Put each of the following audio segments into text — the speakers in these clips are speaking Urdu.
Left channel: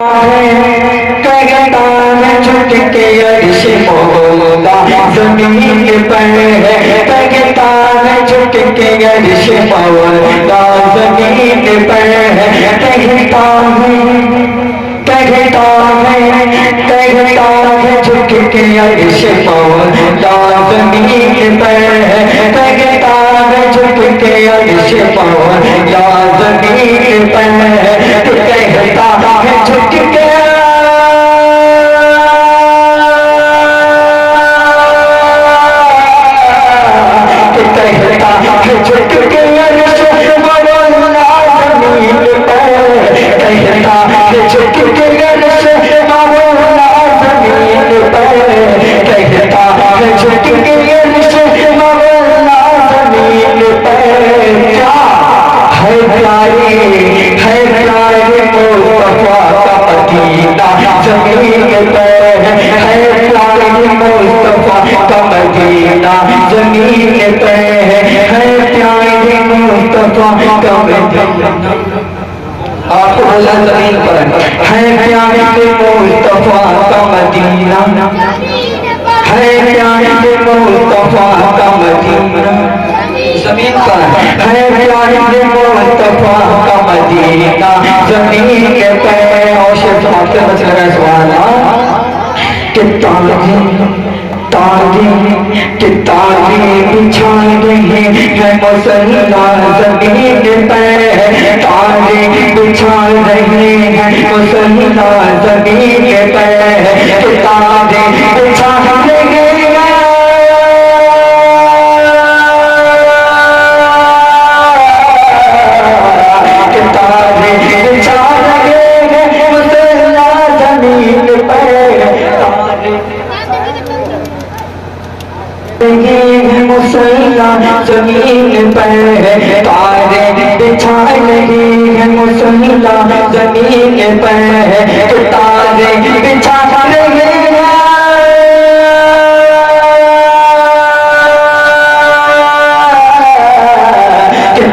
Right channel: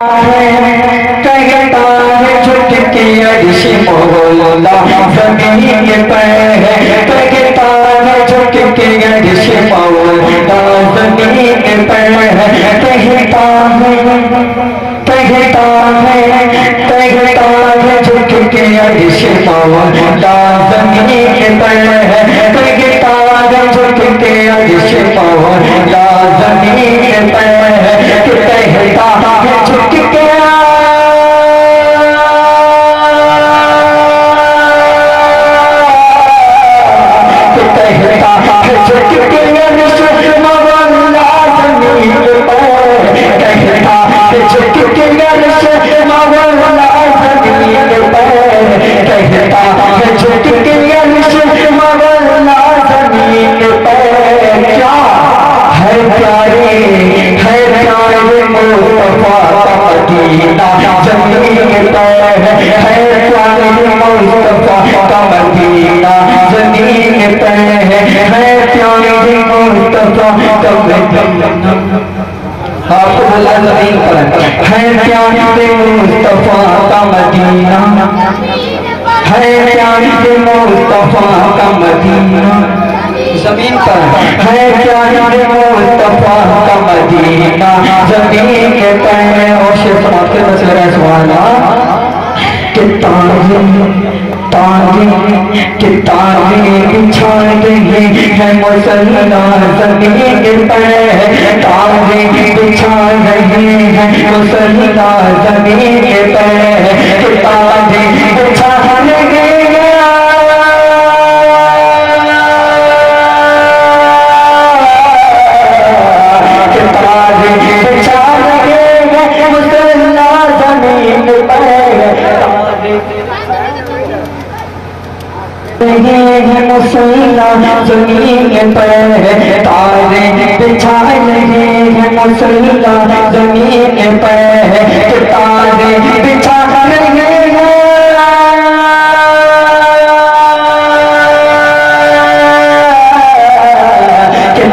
کہتا ہے جھک کے عرش مولا زمین پر ہے، کہتا ہے جھک کے عرش مولا زمین پر ہے، کہتا ہے جھک کے عرش مولا زمین پر ہے، کہتا ہے جھک کے عرش مولا زمین پر ہے، کہتا ہے جھک کے ہے پیارے مصطفیٰ کا مدینہ، ہے پیارے مصطفیٰ کا مدینہ زمین پر ہے، پیارے مصطفیٰ کا مدینہ زمین پر ہے، اور شیخ سماعت کے بس میرا سوال کہ تاغی بچھائے گئے ہیں مسلمان زمین پر، تاغی بچھائے گئے ہیں مسلمان زمین پر، کہ تاغی بچھائے گئے ہیں کہ تاغی بچھائے گئے ہیں مسلمان زمین پر، مسلمان زمین پر تارے بچھائے گئے ہیں مسلمان زمین پر، تارے بچھائے گئے ہیں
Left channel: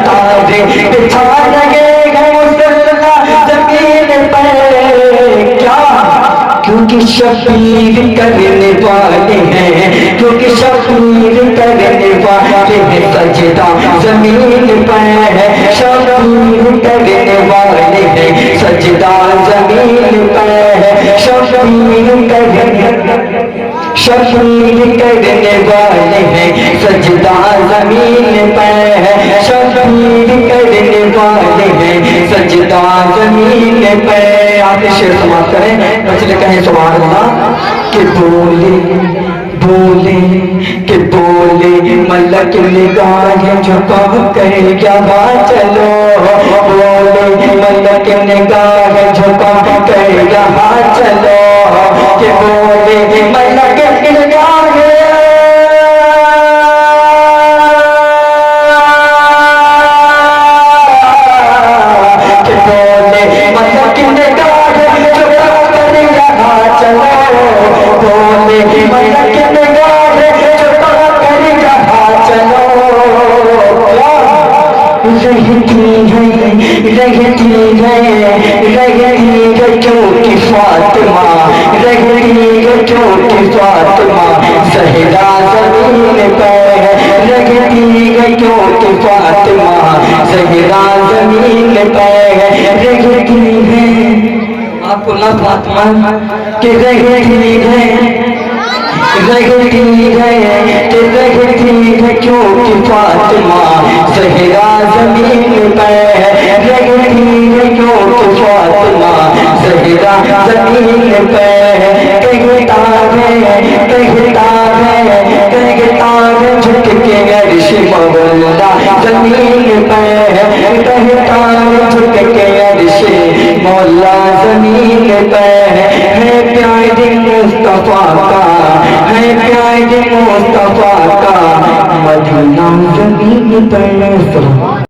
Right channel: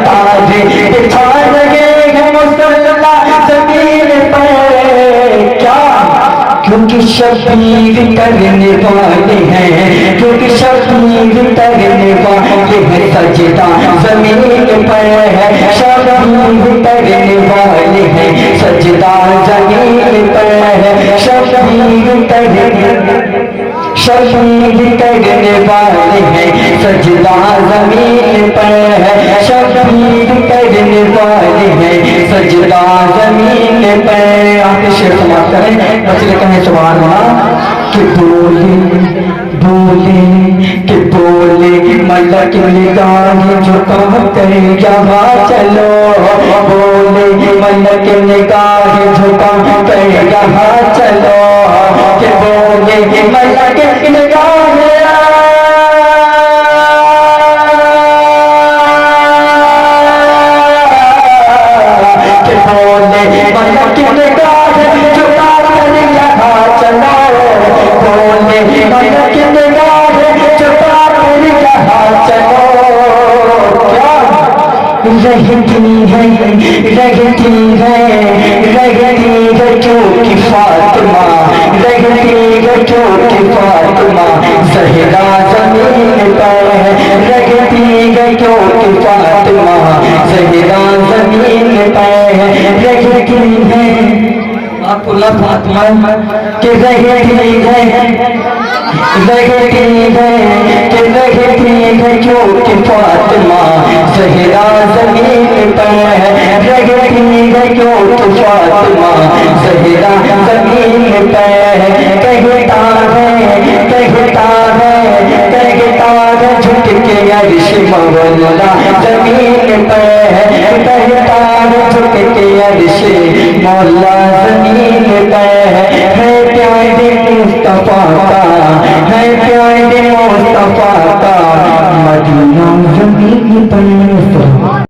تارے بچھائے گئے ہیں مسلمان زمین پر، کیا کیونکہ شبیر کرنے والے ہیں، کیونکہ شبیر کرنے والے ہیں سجدہ زمین پر ہے، شبیر کرنے والے ہیں سجدہ زمین پر ہے، شبیر کرنے والے ہیں سجدہ زمین پر ہے، شبیر کرنے والے ہیں سجدہ زمین پر۔ آگے شعر سماعت کریں، مسئلے کہیں سوال ہونا کہ بولے ملک نگاہ جھکا کر یہاں چلو، بولے ملک نگاہ جھکا کر یہاں چلو، کہ بولے ملک نگاہ فاطمہ زہرا زمین پر رہتی ہے، کیونکہ فاطمہ زہرا زمین پر رہتی ہے، آپ کو اللہ فاطمہ کہ رہتی ہے کیونکہ فاطمہ زہرا زمین پر رہتی ہے، کیونکہ فاطمہ زہرا زمین پر کہتا ہے جھک کے عرش مولا زمین پر ہے، کہتا ہے جھک کے عرش مولا زمین پر ہے، پیارے مصطفیٰ کا ہے، پیارے مصطفیٰ کا مدینہ زمین پر۔